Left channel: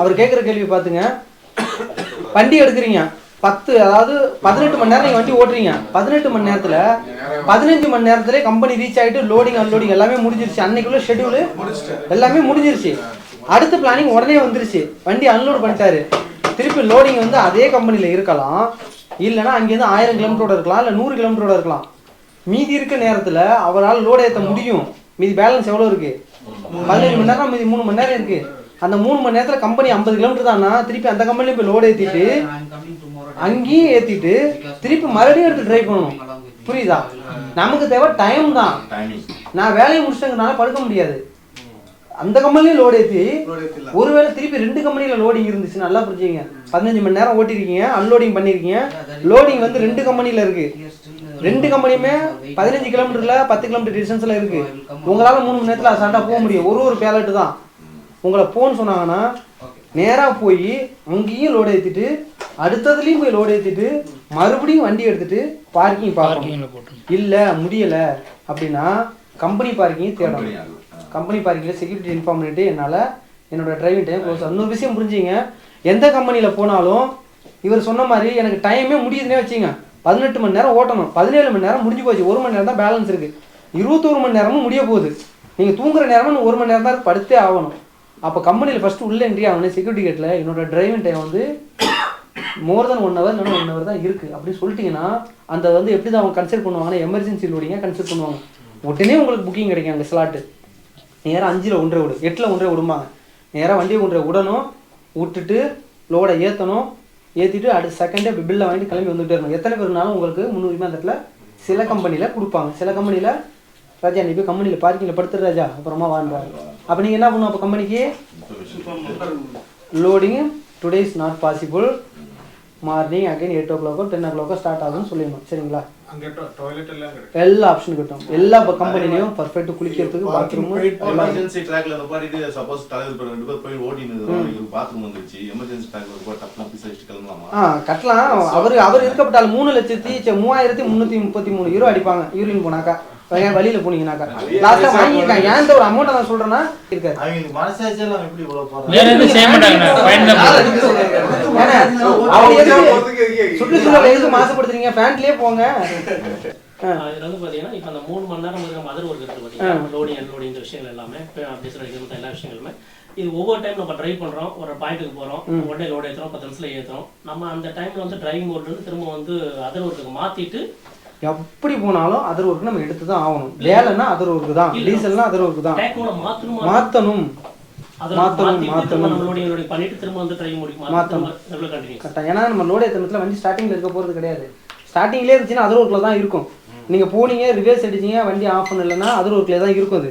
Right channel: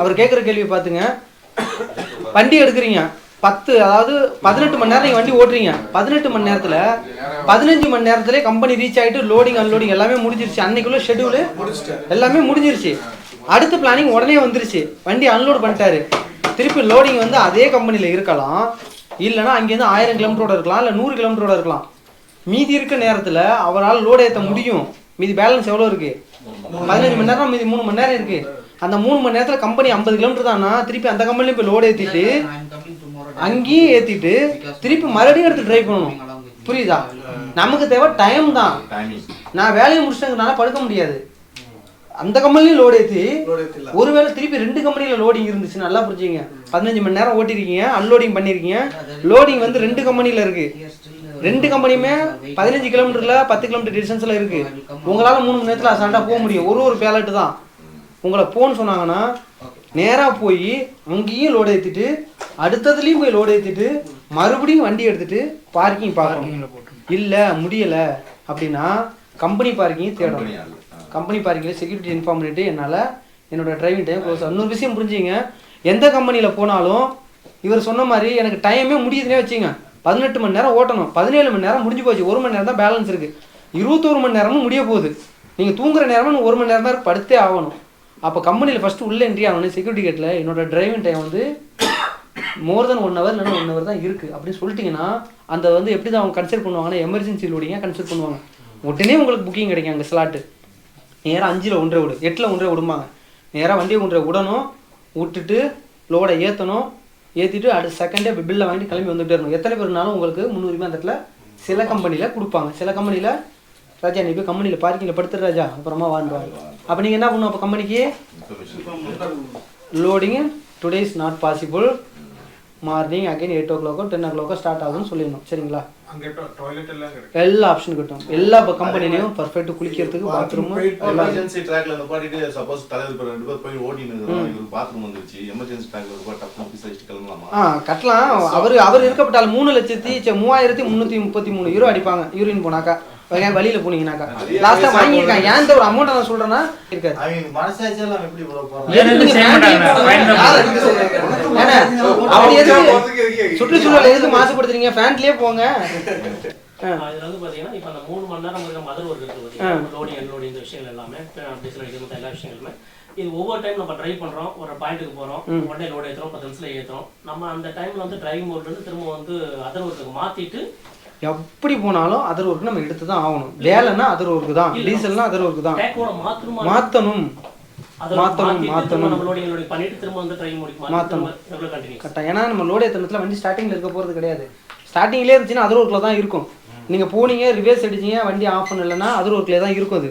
அவர் கேட்குற கேள்வி பார்த்துங்க. வண்டி எடுக்கிறீங்க 18 மணி நேரம் நீங்கள் வண்டி ஓட்டுறீங்க. 18 மணி நேரத்தில் 15 மணி நேரத்துல கம்பெனி ரீச் ஆகிட்டு லோடிங் அன்லோடிங் எல்லாமே முடிஞ்சிருச்சு. அன்னைக்குள்ள ஷெட்யூலு எல்லாமே முடிஞ்சிருச்சு. அடுத்த பிளானிங் உடனே வந்துருச்சு. வண்டி அன்லோட் பண்ணிட்டாரு. திருப்பி லோடிங் வந்து அதே கம்பெனியில் இருக்கலாம், இல்லைனா அங்கேருந்து 1000 கிலோமீட்டரோட இருக்கலாம், இல்லை 100 கிலோமீட்டரோட இருக்கலாம். மீதி இருக்க நேரத்தில் அவரால் லோடு ஏற்ற முடியும். மீதி பேலன்ஸ் எவ்வளோ இருக்குது? 15 மணி நேரம், மீதி 3 மணி நேரம் இருக்குது. அந்த 3 மணி நேரத்தில் கம்பெனி 50 கிலோமீட்டர் தானா, திருப்பி அந்த கம்பெனிலையும் போய் லோடு ஏற்றிட்டு அங்கேயும் ஏற்றிட்டு திருப்பி மறுபடியும் எடுத்து ட்ரைவ் பண்ணணும். புரியுதா? நமக்கு தேவை டைம் தான். நான் வேலையை முடிச்சிட்டதுனால படுக்க முடியாது. அந்த கம்பெனிலையும் லோடு ஏற்றி ஒருவேளை திருப்பி 2 கம்பெனியில் லோடிங் இருந்துச்சு. நல்லா புரிஞ்சுங்க. 15 மணி நேரம் ஓட்டிருக்கீங்க, அன்லோடிங் பண்ணியிருக்கீங்க. லோடிங் வந்து 2 கம்பெனியில் இருக்குது. 2 கம்பெனியுமே 15 கிலோமீட்டரில் 10 கிலோமீட்டர் டிஸ்டன்ஸில் இருக்குது. உங்களால் 3 மணி நேரத்தில் அசால்ட்டாக போக முடியும். ஒரு பேலட்டு தான். உங்களை போன்னு சொன்னாங்கன்னா நேராக போய் அங்கேயும் லோடு ஏற்றிட்டு அடுத்ததுலேயும் போய் லோடு ஏற்றிட்டு மறுபடியும் வண்டி எடுத்துகிட்டு பார்க்கிங் பார்க்கிங்கில் போட்டு இல்லை முடியலை அப்படின்னா கம்பெனி பார்க்கிங் தேடணும். கம்பெனி பார்க்கிங்கில் செக்யூரிட்டி இன்ஃபார்ம் பண்ணிவிட்டு என்னால் என்னோடய டிரைவிங் டைம் க்ளோஸ். இன்னொரு விஷயம் புரிஞ்சுங்க. எந்த கம்பெனியில் போனாலும் இவர் சொன்ன மாதிரி எனக்கு டைமே முடியுதுன்னே வச்சுங்க. 18 மணி நேரம் ஓட்டணும். 17 மணி நேரம் முடிஞ்சு போச்சு. 1 மணி நேரம் தான் பேலன்ஸ் இருக்குது. 21 மணி நேரமும் முடிய போகுது. நீங்கள் தூங்குற நேரமும் 1 மணி நேரம் தான் படுத்தே ஆகணும். அப்போ கம்பெனியில் ஃபஸ்ட்டு உள்ளே என்ட்ரி ஆகணும். செக்யூரிட்டி கேட்டில் என்னோட டிரைவிங் டைம் வந்து மோர் தென் 1 ஹவர் இல்லைன்னா 1 ஹவர் தான் இருக்குது அப்படின்னு சொல்லிட்டிங்கன்னா அந்த வந்து எப்படி தான் அவங்க கன்சிடர் பண்ணுவாங்கன்னா எமர்ஜென்சி லோடிங்க கன்சிடர் பண்ணுவாங்க. உடனே உங்களுக்கு புக்கிங் கிடைக்கும். அங்கே ஸ்லாட்டு நேராக 5ல் 1 விடு, 8ல் 1 விடுமாங்க. நேராக வண்டியை 1 விடணும், விட்டுட்டு லோடை ஏற்றணும். ஏற்றிட்டு அடுத்த செகண்டே பில்லை வாங்கி கிளம்பி வந்துகிட்டே இருக்கணும். எத்தனை பேருனாலும் உங்களுக்கு முன்னுரிமை அந்த இடத்துல சில கம்பெனியில் கொடுப்பாங்க. சில கம்பெனியில் ராஜா நீ போய் கம்பெனியில் பார்க்கிங்கில் படுத்துரு ராஜா அப்புறமா வாங்குவாங்க. அப்போ நீங்கள் என்ன பண்ணணும்? அப்போ கம்பெனிக்கு loading today is not possible, morning again 8 o'clock 10 o'clock start ஆகும்னு சொல்லிடணும். சரிங்களா? எல்லா ஆப்ஷனும் கிட்டும். எல்லா கம்பெனிலையும் பர்ஃபெக்ட் குளிக்கிறதுக்கு பாத்ரூம் எமர்ஜென்சி ட்ராக்ல நிப்பாட்டிட்டு சப்போஸ் தலைவர் 2 பேர் போய் ஓடினது பாத்ரூம் வந்துருச்சு. எமர்ஜென்சி ட்ராக்ல ஒரு டப்னா பீஸ் அடிச்சு கிளம்பலாமா? கட்டலாம். அவர் இருக்கப்பட்டால் 3,33,333 யூரோ அடிப்பாங்க. யூரின் போனாக்கா வழியில போனீங்கன்னாக்கா லாஸ்டா வாங்கிருக்காங்க. ஏன் ஒரு அமௌண்ட் நான் சொல்றேன்னா இருக்காது. அவங்க மனசாட்சியெல்லாம் எப்படி இவ்வளவு போறாங்க? சுற்றுச்சூழல் எதுக்கு மாசுபடுத்துறீங்க? ஃபேன்லயே போங்க. இதுல வந்து பாத்தீங்கன்னா இப்ப அந்த 3 மணி நேரம் நம்ம மதர் ஒர்க் இருக்கு பாத்தீங்கன்னா லோடிங் அன்லோடிங் இந்த விஷயங்கள் எல்லாமே எல்லா விஷயங்களுமே இது ஒவ்வொரு டைம் நம்ம ட்ரைவ் பண்றோம், ஒரு பாயிண்ட்டுக்கு போறோம், உடனே லோடு ஏற்றுறோம், 10 நிமிஷத்துல ஏற்றுறோம். நம்ம அந்த டைம்ல வந்து டிரைவிங் மோட்ல இருந்து திரும்ப வந்து அதர் ஒர்க்குக்கு மாத்திட்டு எப்படி போனாலும் அதர் ஒர்க் நம்ம எடுத்து தான் ஆகணும். வேலைன்னா அதர் ஒர்க்கு தான், டீசல்னா அதர் ஒர்க்கு தான். மாத்தணும் பண்ணிட்டு திரும்ப வந்து டிரைவிங் முடிக்கும் மாத்தணும் கரெக்டாக. ஏன்னா நம்ம லோடு ஏற்றத்துல வண்டி ஸ்டார்டிங்ல இருக்க போறது கிடையாது. ஸ்டார்டிங்லேயே இருந்துச்சுன்னா அதர் ஒர்க்கில் தான் இருக்கும். நீங்கள் போனீங்க ரிவர்ஸ் அடிச்சிங்க வண்டி ஆஃப் பண்ணலைன்னா அதர் ஒர்க்லேயே தான் இருக்கும். அது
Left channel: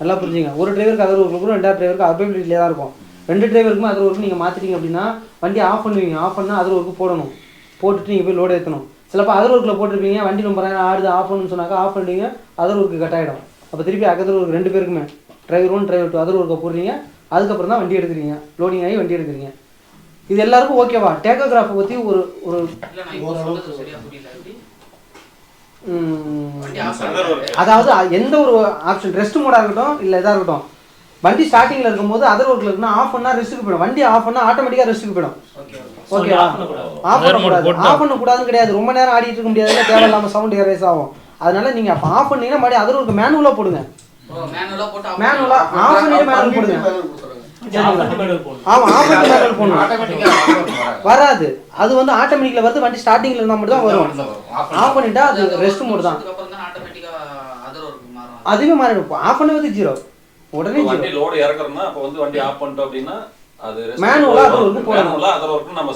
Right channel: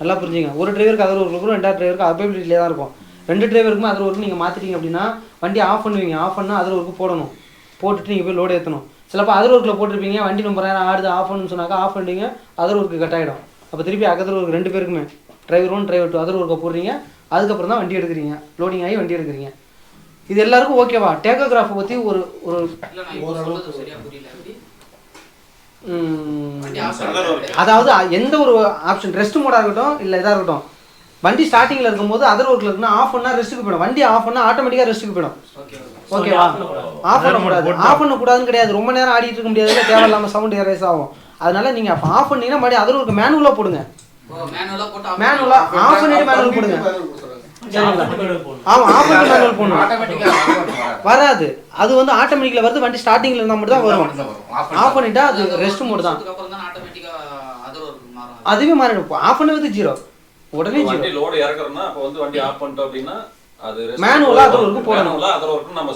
நல்லா புரிஞ்சுங்க. ஒரு டிரைவருக்கு அதர் ஒர்க் இருக்கும், 2வது டிரைவருக்கு அவைலபிலிட்டிலே தான் இருக்கும். 2 டிரைவருக்குமே அதர் ஒர்க்கு நீங்கள் மாற்றிட்டீங்க அப்படின்னா வண்டி ஆஃப் பண்ணுவீங்க. ஆஃப் பண்ணால் அதர் ஒர்க்கு போடணும். போட்டுட்டு நீங்கள் போய் லோடு ஏற்றணும். சிலப்போ அதர் ஒர்க்கில் போட்டிருப்பீங்க, வண்டி ரொம்ப நேரம் ஆடுது, ஆஃப் பண்ணணும்னு சொன்னாக்கா ஆஃப் பண்ணிட்டீங்க, அதர் ஒர்க்கு கட் ஆகிடும். அப்போ திருப்பி அதர் ஒர்க் 2 பேருக்குமே டிரைவர் 1 டிரைவர் 2 அதர் ஒர்க்கை போடுறீங்க. அதுக்கப்புறம் தான் வண்டி எடுக்கிறீங்க, லோடிங் ஆகி வண்டி எடுக்கிறீங்க. இது எல்லாருக்கும் ஓகேவா? டேக்கோகிராஃபை பற்றி ஒரு அதாவது எந்த ஒரு ஆப்ஷன் ரெஸ்ட் மோடாக இருக்கட்டும் இல்லை இதாக இருக்கட்டும், வண்டி ஸ்டார்டிங்கில் இருக்கும்போது அதர் ஒர்க்கில் இருக்குன்னா ஆஃப் பண்ணால் ரெஸ்ட்டுக்கு போயிடும். வண்டி ஆஃப் பண்ணால் ஆட்டோமேட்டிக்காக ரெஸ்ட்டுக்கு போயிடும். ஓகேவா? ஆஃப் பண்ணக்கூடாதுன்னு கிடையாது. ரொம்ப நேரம் ஆடிட்டு இருக்க முடியாது, தேவையில்லாமல் சவுண்ட் ரேஸ் ஆகும். அதனால நீங்கள் அப்போ ஆஃப் பண்ணீங்கன்னா மறுபடியும் அதர் ஒர்க்கு மேனுவலாக போடுங்க. மேனுவலாக ஆஃப் பண்ணிட்டு மேனுவல் போடுங்க. வராது. அது வந்து ஆட்டோமேட்டிக்ல வருது. வண்டி ஸ்டார்டிங்ல இருந்தா மட்டும் தான் வரும். ஆஃப் பண்ணிட்டா அது ரெஸ்ட் மோட் தான். அதுவே மாறிடும். ஆஃப் பண்ணது 0 உடனே வண்டி லோட் இறக்குறோம்னா அப்ப வந்து வண்டி ஆஃப் பண்ணிட்டோம் அப்படின்னா அது மேனுவலா அதர் ஒர்க் போடணும். அதர் ஒர்க் நம்ம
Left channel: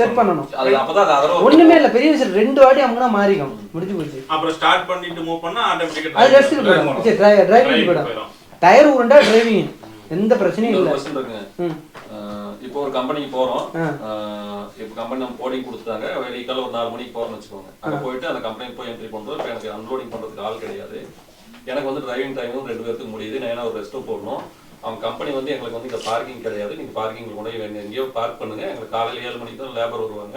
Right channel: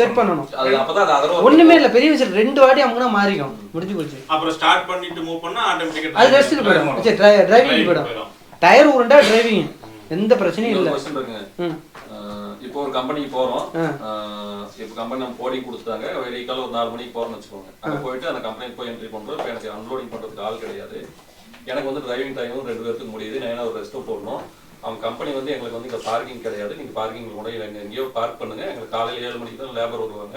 செட் பண்ணணும். அது அப்பதான் அது அதர் ஒர்க் ஒண்ணுமே இல்ல. பெரிய விஷயம் 2 வாட்டி அங்கனா மாறிடும். முடிஞ்சு போச்சு. அப்புறம் ஸ்டார்ட் பண்ணிட்டு மூவ் பண்ணா ஆட்டோமேட்டிக்கா அது ரெஸ்ட்க்கு போயிடும். சரி டிரைவிங் போயிடும். டயர் உருண்டா டிரைவிங் எந்த பிரச்சனையும் இல்ல. क्वेश्चन இருக்குங்க. இப்போ ஒரு கம்பெனிக்கு போறோம். இப்போ கம்பெனி நம்ம போர்டிங் கொடுத்துட்டாங்க. வெடிக்கால ஒரு 4 மணிக்கு போறோம்னு வெச்சுக்கோங்க. அங்க போயிட்டு அந்த கம்பெனி போய் என்ட்ரி பண்றோம். இப்போ எனக்கு அன்லோடிங் பண்றதுக்கு ஆள் கிடையாது. எனக்கு வந்து டிரைவிங் டைமும் 2 பேருக்கு முடியுது. நான் ஒரு ரெஸ்ட் போடணும். அவங்க கம்பெனி வந்து எங்களுக்கு வந்து இங்க பார்க்கிங் கிடையாது. நீங்க பார்க்கிங்ல கொண்டு போய் எங்கேயோ பார்க் பண்ணுங்க. எங்களுக்கு காலையில 7 மணிக்கு தான் லேபர் வருவாங்க.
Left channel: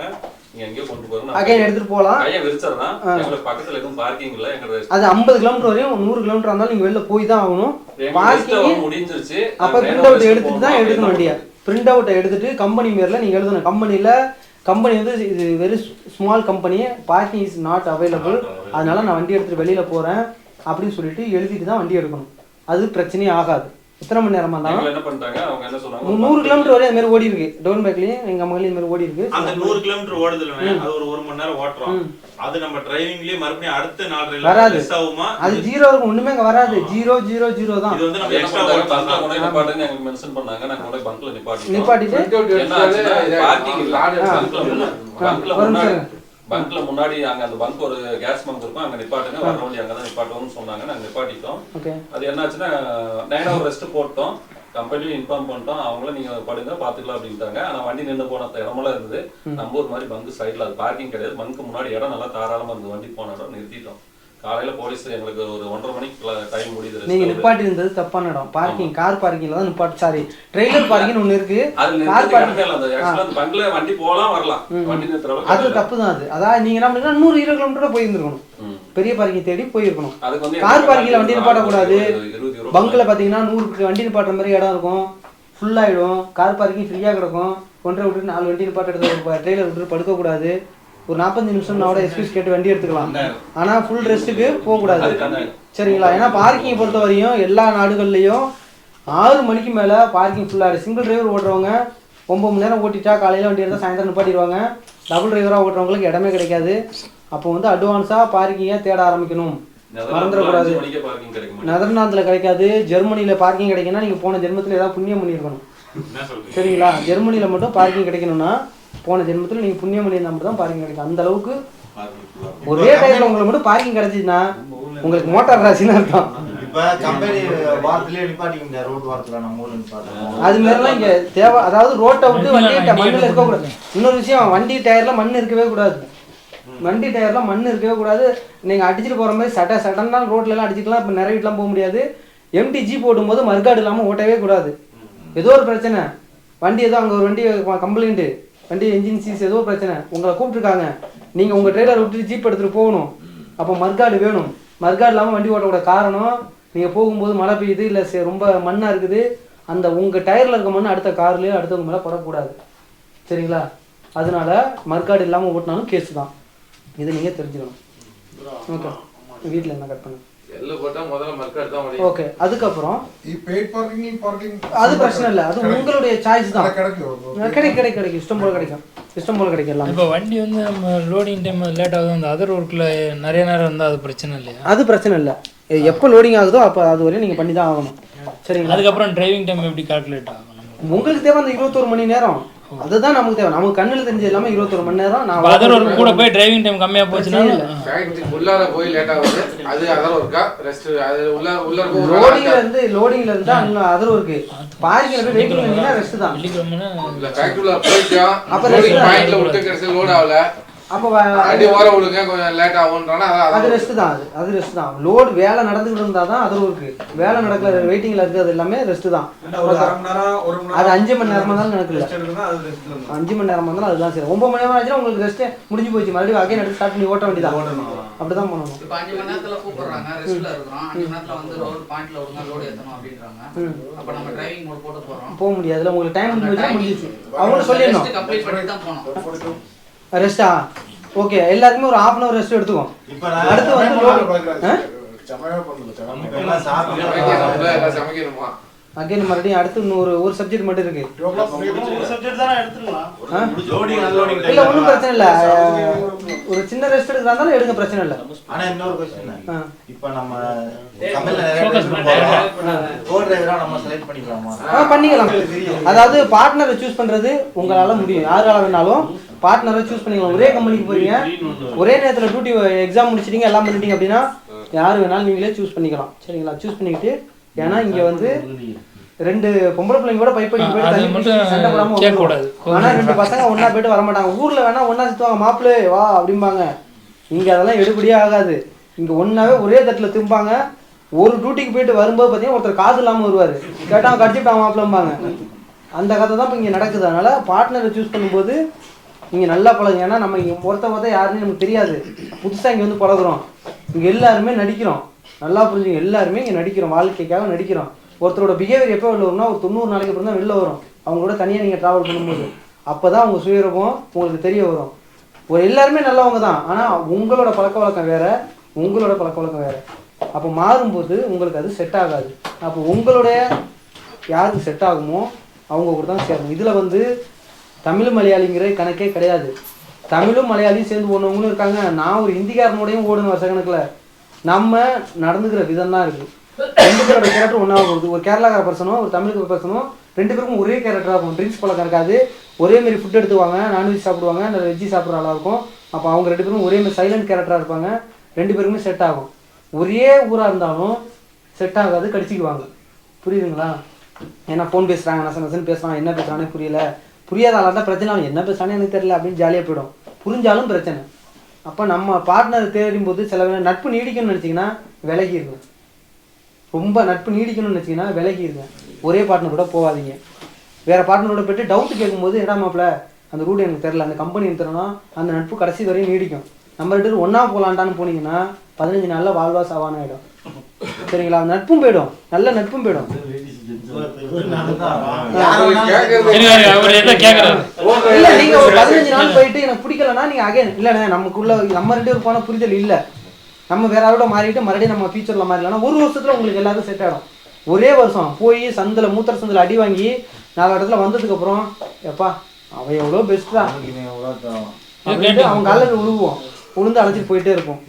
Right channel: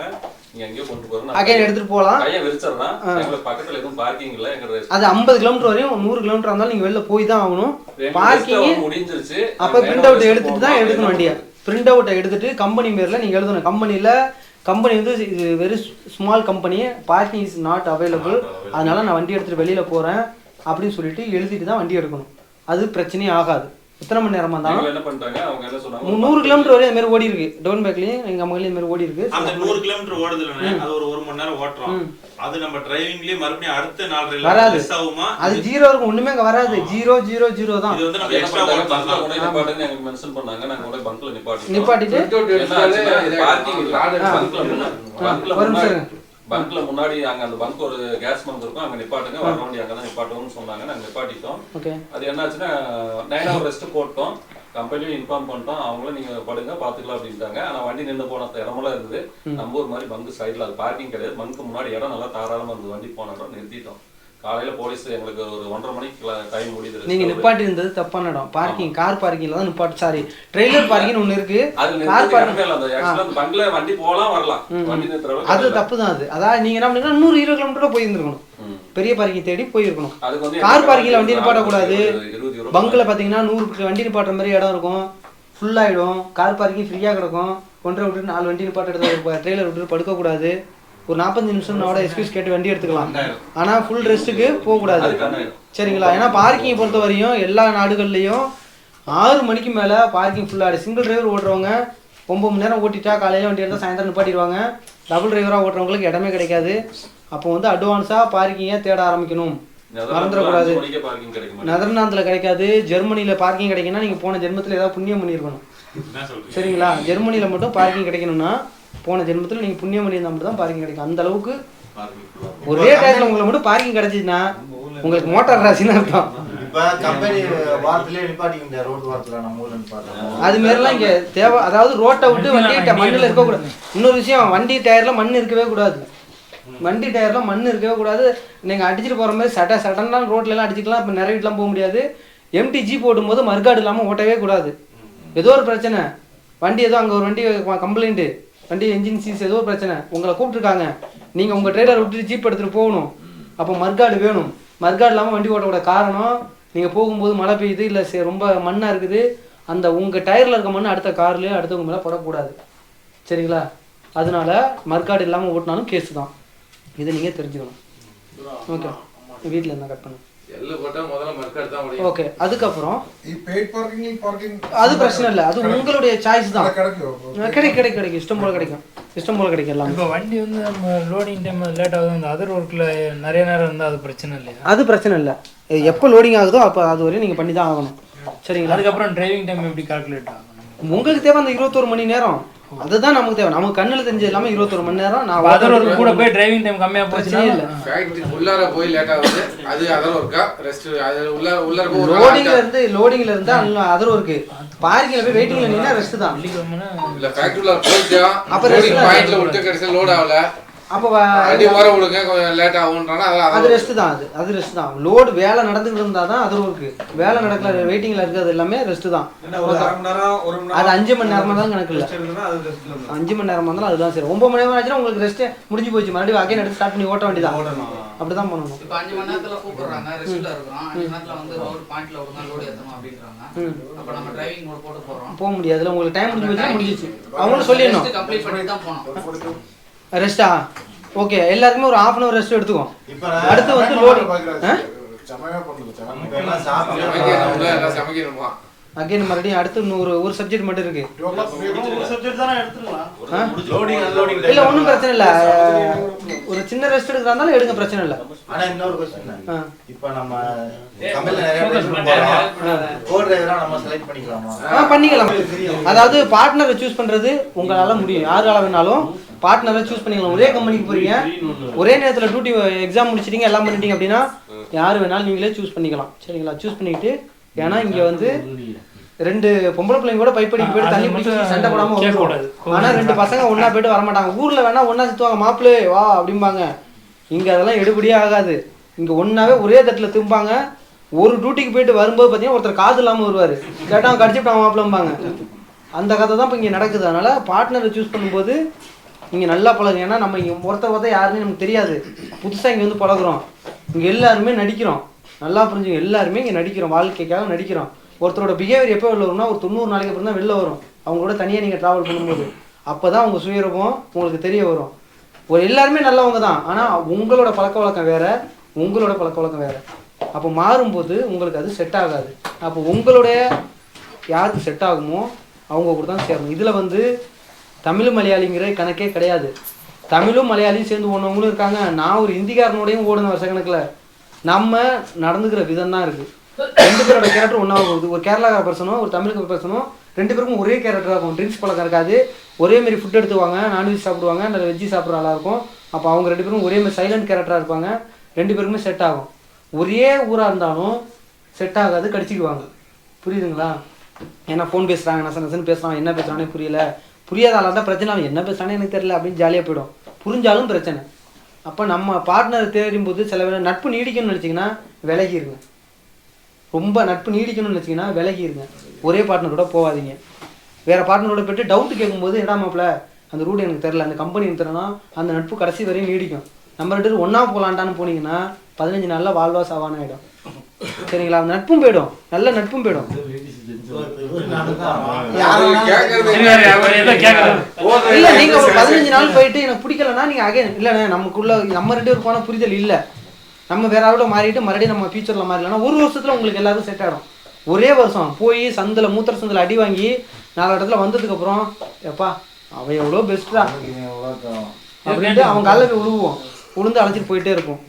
நீங்க எங்கேயோ கொண்டு போறோம். அகைன் எடுத்துட்டு போலாம். கையை விரிச்சறனா எங்களுக்கு பக்கத்துல எதுவும் பார்க்கிங் இல்ல. எங்க அது 50 கிலோமீட்டர் வரையும் 100 கிலோமீட்டர் இருந்தாலும் நீங்க வெளில போய் தான் ஆகணும். பார்க்கிங் முடிஞ்சிருச்சு. அப்ப பிரிண்ட் அவுட் எடுத்துட்டு தான் எடுக்கணும் வண்டியை. பிரிண்ட் அவுட்டை எடுத்துட்டு கம்பெனி பேரில் நீங்கள் எழுதணும். கம்பெனி வந்து இது very small company, parking is not available, அதனால நான் வண்டி எடுத்துகிட்டு வெளியில் போகிறேன் அப்படின்னு சொல்லிட்டு எழுதிட்டு தான் வண்டி எடுக்கணும். அது பிரச்சனையே ஆகாது. எத்தனை மணி நேரமா இருந்தாலும் என்ன பண்ணிட்டாங்க அவங்க என்ன சொன்னாங்க, 100 கிலோமீட்டர் வரை இந்த மாதிரி ஓடி இருக்கு. டவுன் பேக்லயும் எங்க அம்மாலையும் இந்த மாதிரி ஓடி இருக்கு. அந்த 100 கிலோமீட்டர் ஓடுதுல அது ஒரு 1 மணி நேரம் ஓட்டுறோம். அது நம்ம டிரைவிங்லயே மறுபடியும் அடுத்த 4 வராது. மிஸ் ஆகுமா? அது 0 இருக்கும், ஒண்ணுமே அங்க வராது. 0 தான். இது வந்து நம்ம என்ன பண்ணாங்க, பங்க்ல கொண்டு நிப்பாட்டுங்க எங்களுக்கு மென்ஷன் பண்ணாங்க. நாங்க கொண்டு பங்க்ல நிப்பாட்டிட்டு என்ன ஆச்சுன்னா பார்க்கிங் இல்ல, பங்க்ல முன்னாடி அங்க அந்த பங்க் ஒரு கேஸ் பங்க் இருக்கும், அங்க நிப்பாட்டுங்க வர வண்டி அங்கதான் நிப்பாட்டுவோம்னு சொன்னாங்க. நாங்க நிப்பாட்டிட்டோம். அது என்ன ஆச்சுன்னா 9 hour ரெஸ்ட் போட்டோம். கம்பெனியும் இன்ஃபார்ம் பண்ணிட்டோம், அவங்களும் நீங்க படுங்க பாத்துக்கலாம் அப்படின்ட்டாங்க. ஆனா வண்டி நின்று போன இடமெல்லாம் இருந்தது. நம்ம ஒரு மாதிரி பங்க் சைட்ல அது பார்க்கிங் கிடையாது. பங்க்கு முன்னாடி இடம் நல்லா தாராளமா இருந்தது. வண்டி போன இடம் நிறுத்திட்டோம். காலையில போலீஸ் எங்களுக்கு ஒரு 1:30 மணிக்கு டைம் முடியுது. நீங்க நிப்பாட்டி இருந்தது தப்பான இடம். பார்க்கிங் கார் பார்க்கிங்ல தான் நிப்பாட்டி, சாரி ட்ரெய்லர் பார்க்கிங் ஒன்னு இருக்கு. அது நிறுத்தவே இல்ல. அந்த ஆக்சுவலா அந்த பங்க்ல வண்டி போலாம் வரலாம், வண்டி நிறுத்துற அளவுக்கு அது தப்பு தான். அது அதாவது நீங்க என்ன பண்ணுங்க 100 கிலோமீட்டர் போய் இருந்திருக்கணும். பெரிய பார்க்கிங் தேடி போயிருக்கணும். அதுக்கு வந்து கார் பார்க்கிங்ல வண்டி நிப்பாட்ட கூடாது. பங்க்ல பாத்தீங்கன்னா 100 வண்டி நிப்பாட்டுற மாதிரி இடம் இருக்கும், ஃபுல் ஆயிடும். கார் பார்க்கிங் ஃப்ரீயா கிடக்கும். 1.5 விட்டு 4 வண்டி நிப்பாட்ட எடுத்து ட்ரெய்லர் விட்டு படுக்க கூடாது. ஒரு 45 நிமிஷம் நான் எக்ஸ்கியூஸ் கேட்டு வண்டி எடுத்துக்கலாம். ஆனா ஃபுல் ரெஸ்ட்டுக்கு போகக்கூடாது, சரிங்களா? ஏன்னா பார்க்கிங் பொறுத்த வரையும் எல்லா நாடுகள்லையும் 6 மணிக்கு மேலே பார்க்கிங் ஃபுல்லாக. சிங்கிள் டிரைவர் ஓட்டுறவங்க 9 மணி நேரம் ஓட்டிட்டா காலையில் வண்டி எடுத்தால் சாயந்தரம் நிப்பாட்டிடுவாங்க. டபுள் டிரைவராக ஓட்டுறவங்களுக்கு இடமே கிடைக்காது. அப்போ வந்து அட்வான்ஸாக பார்க்கிங்கை தேட ஆரம்பிக்கணும், மறந்துடக்கூடாது. நெதர்லாந்தில் கிடைக்காது, ஜெர்மனியில் பார்க்கிங் கிடைக்குன்னா நீங்கள் போன ஜென்மத்தில் ஏதாவது புண்ணியம் பண்ணியிருக்கணும், சரிங்களா? ஜெர்மனியில் மட்டும் பார்க்கிங் கிடைக்கணும்னா போன ஜென்மத்தில் நீங்கள் புண்ணியம் பண்ணியிருந்தா மட்டும் தான் பார்க்கிங் கிடைக்கும். அந்த அளவுக்கு ஒரே டைம்ல உங்களுக்கு மட்டும் பார்க்கிங் கிடைச்சிச்சுன்னா உங்களுக்கு மோட்டார் ராசின்னு அர்த்தம். அது மாதிரிலாம் இங்க தேவை. அதாவது ரோட்டை விட்டு வண்டி மண்ணில் இருக்கக்கூடாது. இன்னொரு விஷயம், வண்டி டயர்ல மண் இருக்கவே கூடாது. வண்டி டயர்ல மண் இருக்கவே கூடாது. நீங்க அடிச்சுட்டு போற மாதிரி சடனா ரோட்ல எல்லாம் அடிச்சுக்கலாம். இப்போ நிறைய வீட்டுலாம் போக முடியாது. எம்டி ஜீப் ஓட்டும்போது மறுகாடு இல்லாமல் ஓட்டவே கூடாது. ஏதோ ஒரு பிரச்சனை, வண்டி ஏதோ அங்கே ஒரு வண்டி கம்ப்ளைண்ட்டு, வண்டி என்ஜின் சீஸ் ஏதோ ஒரு பிரச்சனை, உங்களை கூப்பிட்டுருக்காங்க, நீங்கள் உங்கள் ட்ரெய்லர் விட்டு ஜீப் எடுத்துகிட்டு போகணும். அப்போ மறுகாடு வேணும். மறுகாடு இல்லாமல் வண்டி ஓட்டக்கூட காரணம், நீங்கள் போகும்போது மழை பெய்யுது, இல்லை ரொம்ப மண்ணாக இருக்குது, அந்த உங்கள் டயரில் இருக்க மண் அடுத்த கார்லேயே அடுத்தவங்க மேலே போடக்கூடாது, சரிங்களா? அதனால மறுகாடு இல்லாமல் ஓட்டினாலும் கேஸு தான். இதை நீங்கள் தெரிஞ்சுக்கணும். ஓகே, வீட்டில் என்ன கட் பண்ணு. ஓகே, அதுக்கப்புறம் அது பிரச்சனை இல்லை, அது உங்களுடைய சாய்ஸ் தான். கிடைக்கும், இஷ்டம் போல கிடைக்கும், இஷ்டம் போல கிடைக்கலாம். இப்போ வண்டி வந்து நம்ம லோடிங் டைம் லேட் ஆகுது, அந்த அதர் ஒர்க்கில் நிறைய நேரம் இருந்தால் அது பிரச்சனை இல்லையா? அது பிரச்சனை இல்லை. எப்போ லோடிங் ஆகுதோ அப்போ அது வரையும் நீங்கள் பண்ணி தான் ஆகணும், சரிங்களா? அதுக்கப்புறம் டிரைவிங் டைம் எப்படி கால்குலேட் ஆகும்? உங்களுக்கு தேவை அந்த 21 மணி நேரம், அதுதான் நமக்கு தேவை. நமக்கு கண்ணில் தெரிஞ்சது எல்லாமே 21 மணி நேரம். நான் அதர் ஒர்க் கூட போய் டிரைவிங் டைம் கம்மியாக போச்சுன்னா உள்ளார போய் லேட் ஆகுது, அது அதர் ஒர்க்கா? ரெஸ்ட் அது உள்ளார லோடிங்ல இருந்து அதர் ஒர்க். பார்க்கிங்ல போய் வெயிட்டிங்ல நின்னா ரெஸ்ட் தான். இல்ல ஃபேக்டரில போய்ட்டோம், அப்ப லோடிங் பாயிண்ட்ல விட்டு கடைசில லோட் ஆகல, அப்போ அடி ஓர விடுங்க கொஞ்சம் லேட் ஆகும்ன்றானா அது ரெஸ்ட் தான். அது ரெஸ்ட் தான். லோட் வேலை நடந்துகிட்டு இருந்தா தான் அதர் ஒர்க். வேலை நடக்கல வெயிட்டிங்ல இருக்குது எல்லாமே ரெஸ்ட் தான். அது 5 மணி நேரமா தான் கணக்கு இல்லை, 5 மணி நேரமா இருந்தாலும் அதுதான் சரி. 9 மணி நேரம் ஆச்சுன்னா உங்களுக்கு ரெஸ்ட் முடிஞ்சு போச்சு, மறுபடியும் அகைன் எடுத்து ஸ்டார்ட் பண்ணி ஓட்ட வேண்டியதான். அப்படிதான் பண்ணணும். இப்போ 5 மணி நேரத்துல கூப்பிடுறாங்க, ரெஸ்ட்ல இருக்கிறோம், 5 மணி நேரத்துல வந்து ரோட் பாயிண்ட்ல ஒரு நாள் லோட் ஏத்தணும் அப்படின்றாங்க. அப்ப நம்ம டிரைவிங் மோட் போட்டு போறோம், போக முடியாதுல. உங்களுக்கு டைம் முடிஞ்சிச்சு, அவங்களும் சொல்லிடணும் கம்ப்ளீட் பண்ணி தான் போறோம். ரெஸ்டா ஓகே, எல்லாருக்குமே ஒரு 1/2 hour ரெஸ்ட் எடுத்துக்கும். அடுத்து வந்து அகைன் மறுபடியும் அடுத்து ஒரு சப்ஜெக்ட் மட்டும் இருக்கு. இல்ல ஒன்றும் பிரச்சனை இல்லை, ஒரு சின்ன ரெஸ்ட் எடுக்கிறதாலும் எடுங்க, பிரச்சனை இல்லை. ஆனா இன்னொரு क्वेश्चन, இப்போ நம்ம பண்ணிக்கலாம். அதாவது பார்ட்னரை சூஸ் பண்றது உங்களால முடியும், யாரால வேணாலும் பார்ட்னரை சூஸ் பண்ணிக்கலாம். ஒரே கம்பெனிக்கு போறீங்க, ஒரே நேரத்தில் டியூட்டி எக்ஸாம் முடிச்சிட்டீங்க, எல்லாம் பண்ணிட்டீங்க அப்படின்னா யார் வேணாலும் நீங்களே சூஸ் பண்ணிக்கலாம், சரிங்களா? சூஸ் பண்ணிக்கிட்டு, ஏன்னா இங்க வந்து 2 பொம்பளை பிள்ளைங்க கூட பைப்படிக்கு போயிட்டு தண்ணி மட்டும் சண்டை போடாம வரக்கூடாது. ஆனா 2 பசங்க ஒன்னா போயிட்டு வரமாட்டாங்க. ஊர்ல வேணா ஒன்னா சுத்துவாங்க, மாப்பிள்ளை வா அப்படிம்பாங்க. இங்க அதெல்லாம் எடுபடியே ஆகாது. இங்க ஒன்னாவே ஒரே தட்டுல திரும்பாங்க. ஒரு டியூட்டிக்கு போயிட்டு வரும்போது பார்த்தீங்கன்னா ஒருத்தர் காது இல்லாமல் வருவார், கேட்டால் கடிச்சிட்டான் மாப்பிளம்பாங்க. அந்த கதை தான் இப்போ இங்கே நடக்குது. அதனால் பார்ட்னரை சூஸ் பண்ணும்போது நீங்கள் நல்லா பழகுங்க. ஏன்னா நம்ம இங்கே ஒருத்த யாருன்னு நமக்கு தெரியாது, புதுசாக இங்கே வந்து பழகுறோம். இங்கே எல்லாருமே நடிக்கிறோம், நல்லா புரிஞ்சுங்க. எல்லாருமே இங்கே நடிக்கிறோம், வாழ்க்கைக்காக நடிக்கிறோம். ஒருத்தரோட பிஹேவியர் எப்போ வெளில வரும்னா ஒரு 90 நாளைக்கு அப்புறம் தான் வெளில வரும். அவங்களோட தனியாக நீங்கள் ட்ராவல் பண்ணும்போது அப்போ தான் அவங்க சுயரூபம் உங்களுக்கு தெரிய வரும். ஒரு எல்லாருமே நல்லவங்க தான், ஆனால் உங்களோட பழக்க வழக்கம் வேறு, உங்களோட பழக்க வழக்கம் வேறு. அப்போ மாறும்போது உங்களுக்கு அது செட் ஆகாது. அப்போ உங்களுடைய யாருக்கு செட் ஆகுமோ அவங்க கூட தான் சேரணும். இதில் வந்து தமிழ் மலையாளிங்கிற கணக்கே கிடையாது. தமிழும் மலையாளியும் சேர்ந்து ஓடுனவங்களும் இருக்காங்க. நான் ஒரு ஹிந்திக்காரனோடையும் ஓடுன வருஷ கணக்கில். நம்ம நடந்துக்கிற விதம் தான் இருக்குது. 2 பேரோட கேரக்டர் ஒன்றா போகுது. ஒரு கேரளாக்கார பர்சனும் ஒரு தமிழுக்கு பர்சனும் 2 பேருக்கும் ஒரே கேரக்டராக இருக்கும். ட்ரிங்க்ஸ் பழக்கம் இருக்காது. ஒரே மாதிரி ஃபுட் எடுத்துவாங்க, நான்வெஜ் சாப்பிடுவாங்க, இல்லை வெஜ்ஜி சாப்பிட்ற ஆளாக இருக்கும். அப்போ அவங்க 2 பேரும் ஒரே மாதிரி சைலண்ட் கேரக்டராக இருப்பாங்க. 2 பேருக்குமே செட் ஆகும். ஒரே ஊராக இருந்தாலும் செட் ஆகாது, கடிச்சிக்குவாங்க. புரியுதுங்களா? ஏன்னா ஃபோன் பேசுகிறாங்க, நசன்னு பேசுகிறாங்க, என்ன பேசுகிறானே புரியல. புரியாத ஆளாக இருந்தால் பிரச்சனை, அவன் என்ன பேசுகிறானே எனக்கு தெரியல அப்படின்னு ஜாலியாக போயிடும். புரிஞ்சாலும் பிரச்சனை. அப்போ நம்ம பார்ட்னர் தேடும் போது சில வேலை நட்பு நீடிக்கணும்னு நினச்சிங்கன்னா விலகிருங்க. ரொம்ப நட்பு நீடிக்கணும்னு நினச்சிங்கன்னா விலகிருங்க. ஒரே பார்ட்னரோட போகாதீங்க. வேறு பார்ட்னரோட போய்ட்டு டவுட்டு கேட்கும்போது என்ன மாப்பிள்ள அந்த ரூட் எனக்கு தெரில, அந்த கம்பெனி எனக்கு தெரியலனா அந்த நட்பு கடைசி வரையும் நீடிக்கும். நம்ம 2 பேரும் ஒன்றா போகலான்டான்னு போனீங்கன்னா 15 நாளில் வாழ்வா சாவான ஆகிடும். சரிங்களா? நட்பும் போயிடும், நல்ல நட்பும் போயிடும். இல்லை நீங்கள் ஒரு 15 நாள் போயிட்டு எனக்கு பிடிக்கலன்னா நீங்கள் அகைன் இல்லைண்ணே நமக்குள்ள நம்ம 2 பேரும் போனால் புரிதல் இல்லை, நம்ம வேற ஆளோட மாறிட்டு மறுபடியும் நம்ம ஃபியூச்சரில் மாறிடலாம். 1 வருஷத்தில் உங்களுக்கு எல்லாரும் செட் ஆகிடும். ஒரே வருஷம் போய் சந்தில் மூத்திர சந்தில் அடி வாங்கி 4 இடத்துல வந்ததுக்கப்புறம் எப்பா அவன் எவ்வளோ பெஸ்ட்டா அப்படின்ட்டு அவங்க காலுக்கு விழுவோம், உளுந்து அழைச்சிட்டு போயிட்டே இருக்கும்.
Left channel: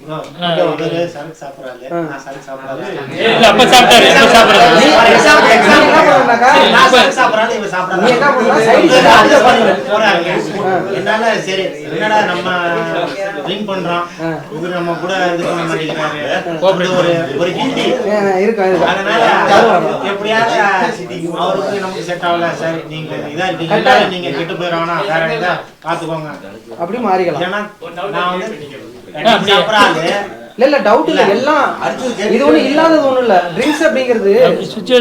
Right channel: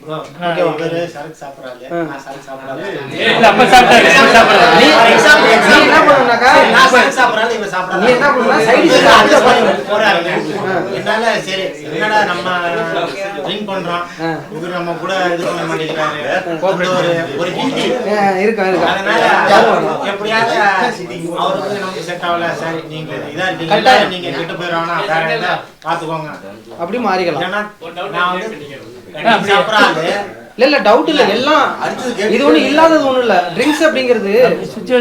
அப்படி மாறிக்கலாம். இல்ல டவுட் இல்ல, எல்லாம் இது ஒண்ணு இல்லாதது ஒண்ணும் இல்ல. ட்ரிங்க்ஸ் அப்படிங்கிறது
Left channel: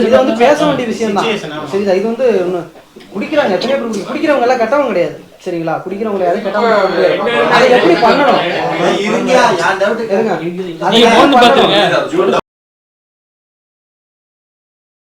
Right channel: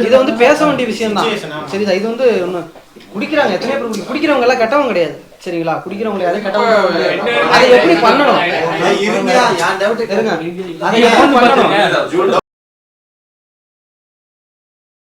இது வந்து பேச வேண்டிய விஷயம் தான். சரிதா? இது வந்து குடிக்கிறாங்க, எத்தனை பேர் குடிக்கிறவங்க எல்லாம் கெட்டவங்க கிடையாது. சரிங்களா? குடிக்கிறவங்க யாரும் கெட்டவங்க கிடையாது. அதை எப்படி பண்ணணும்?